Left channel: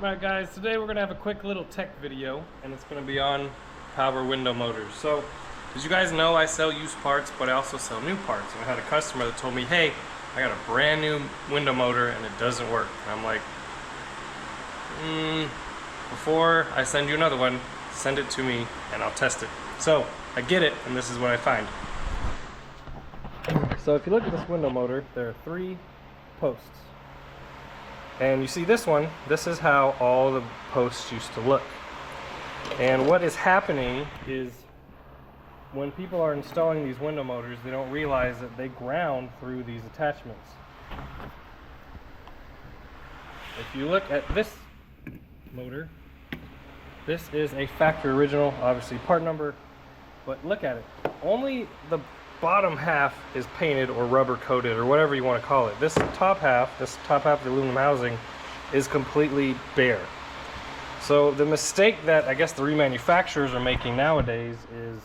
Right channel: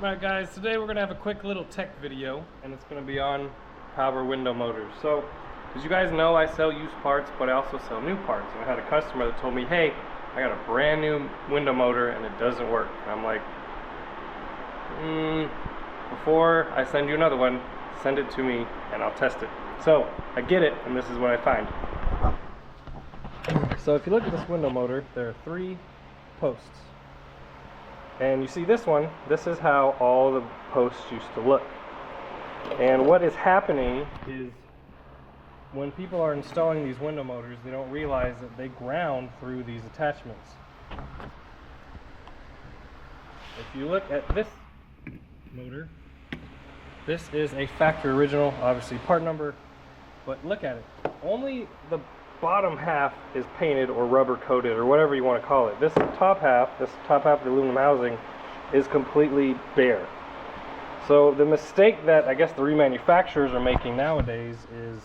Alright guys, today we're going to have a quick little tech video, and it's going to be on power window motors. So, as you guys know, I sell used parts, but I also sell new parts. And I had a customer that told me, hey, I got a brand new window motor and it doesn't work. And I'm like, before I send you another one, send it to me and I'll test it. So, I get it, and this is what I find. So if you look at this window motor, there are 3 posts. And you see this one, this is how all the posts used to look. And what is happening is when people are installing these window motors, they don't realize that they ground through these attachments. If you look at this motor, this is a factory original, obviously part number, but look at it. Only the bottom half is painted or rubber coated or whatever you want to call it. This top half of the aluminum housing is completely bare. So the mistake that I guess the remanufacturers are making nowadays is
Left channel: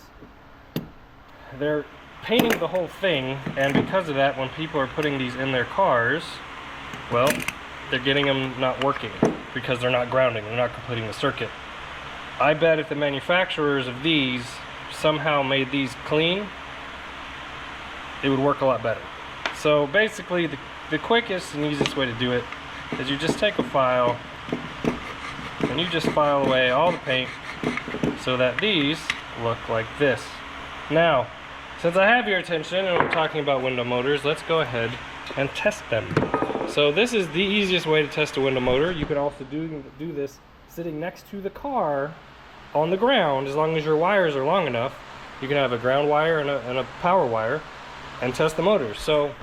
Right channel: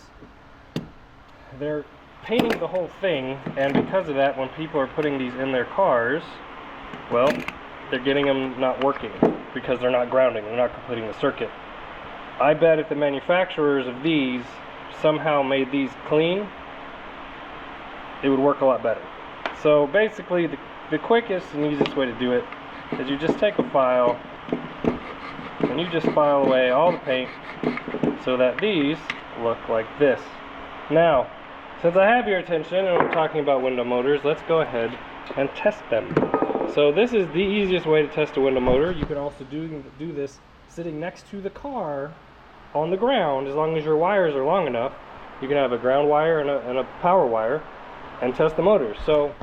they're painting the whole thing, and because of that, when people are putting these in their cars, well, they're getting them not working because they're not grounding, they're not completing the circuit. I bet if the manufacturers of these somehow made these clean, it would work a lot better. So basically the quickest and easiest way to do it is you just take a file and you just file away all the paint so that these look like this. Now, since I have your attention and we're talking about window motors, let's go ahead and test them. So this is the easiest way to test a window motor. You can also do this sitting next to the car on the ground. As long as your wires are long enough, you can have a ground wire and a power wire and test the motors. So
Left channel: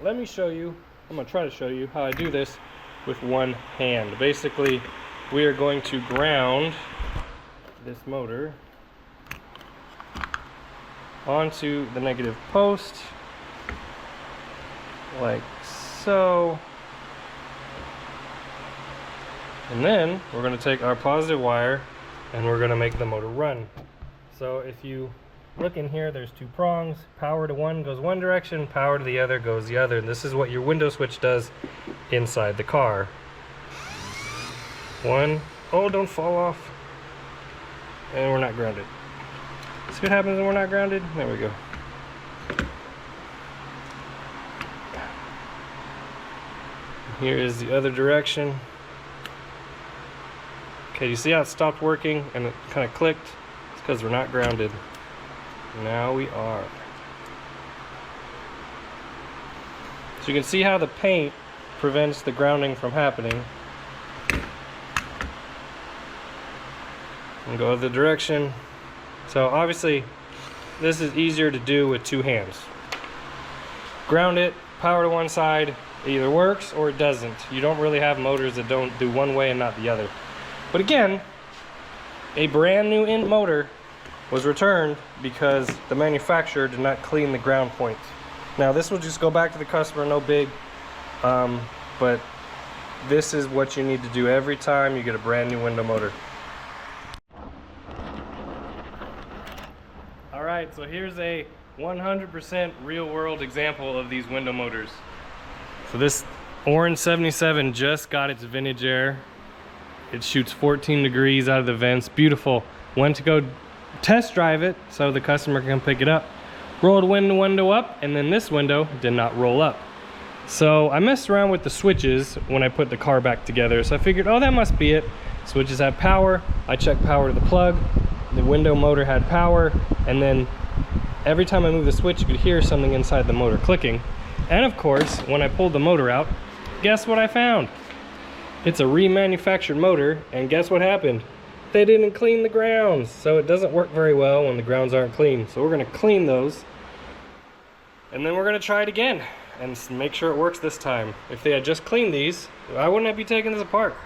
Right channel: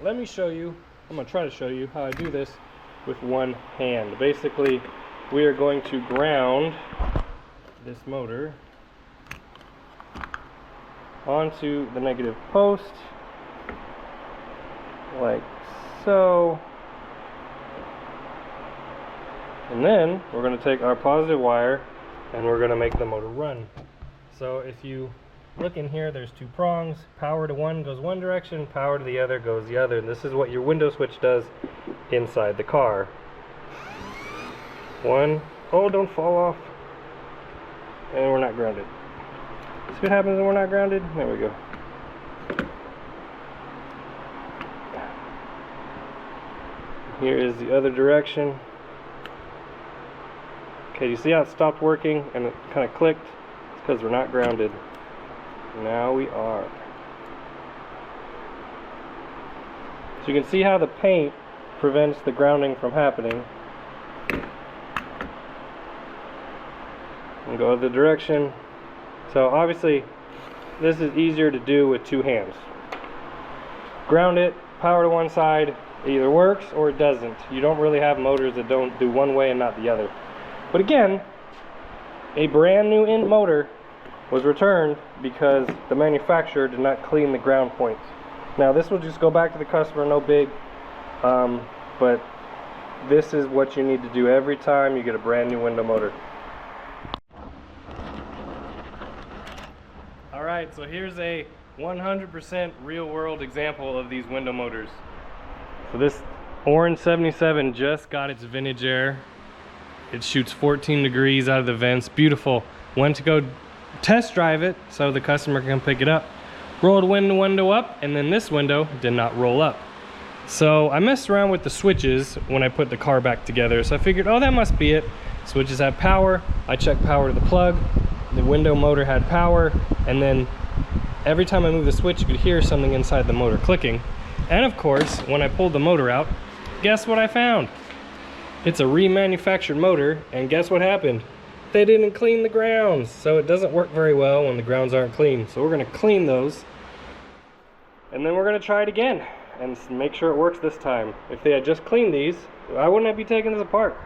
let me show you, I'm going to try to show you how I do this with one hand. Basically, we are going to ground this motor onto the negative post like so, and then we're going to take our positive wire and we're going to make the motor run. So if you look in here, there's 2 prongs. Power to one goes one direction, power to the other goes the other. And this is what your window switch does inside the car. One, oh, don't fall off. And we're not grounded. See what happens when we're not grounded? There we go. Here is the other direction. Okay, you see how it stopped working and it kind of clicked? It's because we're not grounded. Now we are. So you can see how the paint prevents the grounding from happening. And go the direction. So obviously this is easier to do with 2 hands. Ground it, power to one side, it either works or it doesn't. You don't really have motors that don't do one way and not the other. But again, a brand new motor was returned because the manufacturer did not clean the ground points. Now this will just go back to the customer, no big, but this is what you need to do every time you get a brand new window motor. Alright, so here's a 100% real world example of these window motors. So this orange 77 just got its vintage air. It shoots 14 degrees out of the vents, beautiful. Went to go test drive it so the customer can pick it up. Rolled window up, and then this window did not roll up. So I messed around with the switches when I put the car back together, so I figured, oh, that must be it. Switches have power. I checked power to the plug. The window motor had power, and then every time I moved the switch, you could hear something inside the motor clicking. And of course, when I pulled the motor out, guess what I found? It's a remanufactured motor, and guess what happened? They didn't clean the grounds, so it doesn't work very well when the grounds aren't clean. So we're going to clean those, and then we're going to try it again and make sure it works this time. If they had just cleaned these, I wouldn't be taking this apart.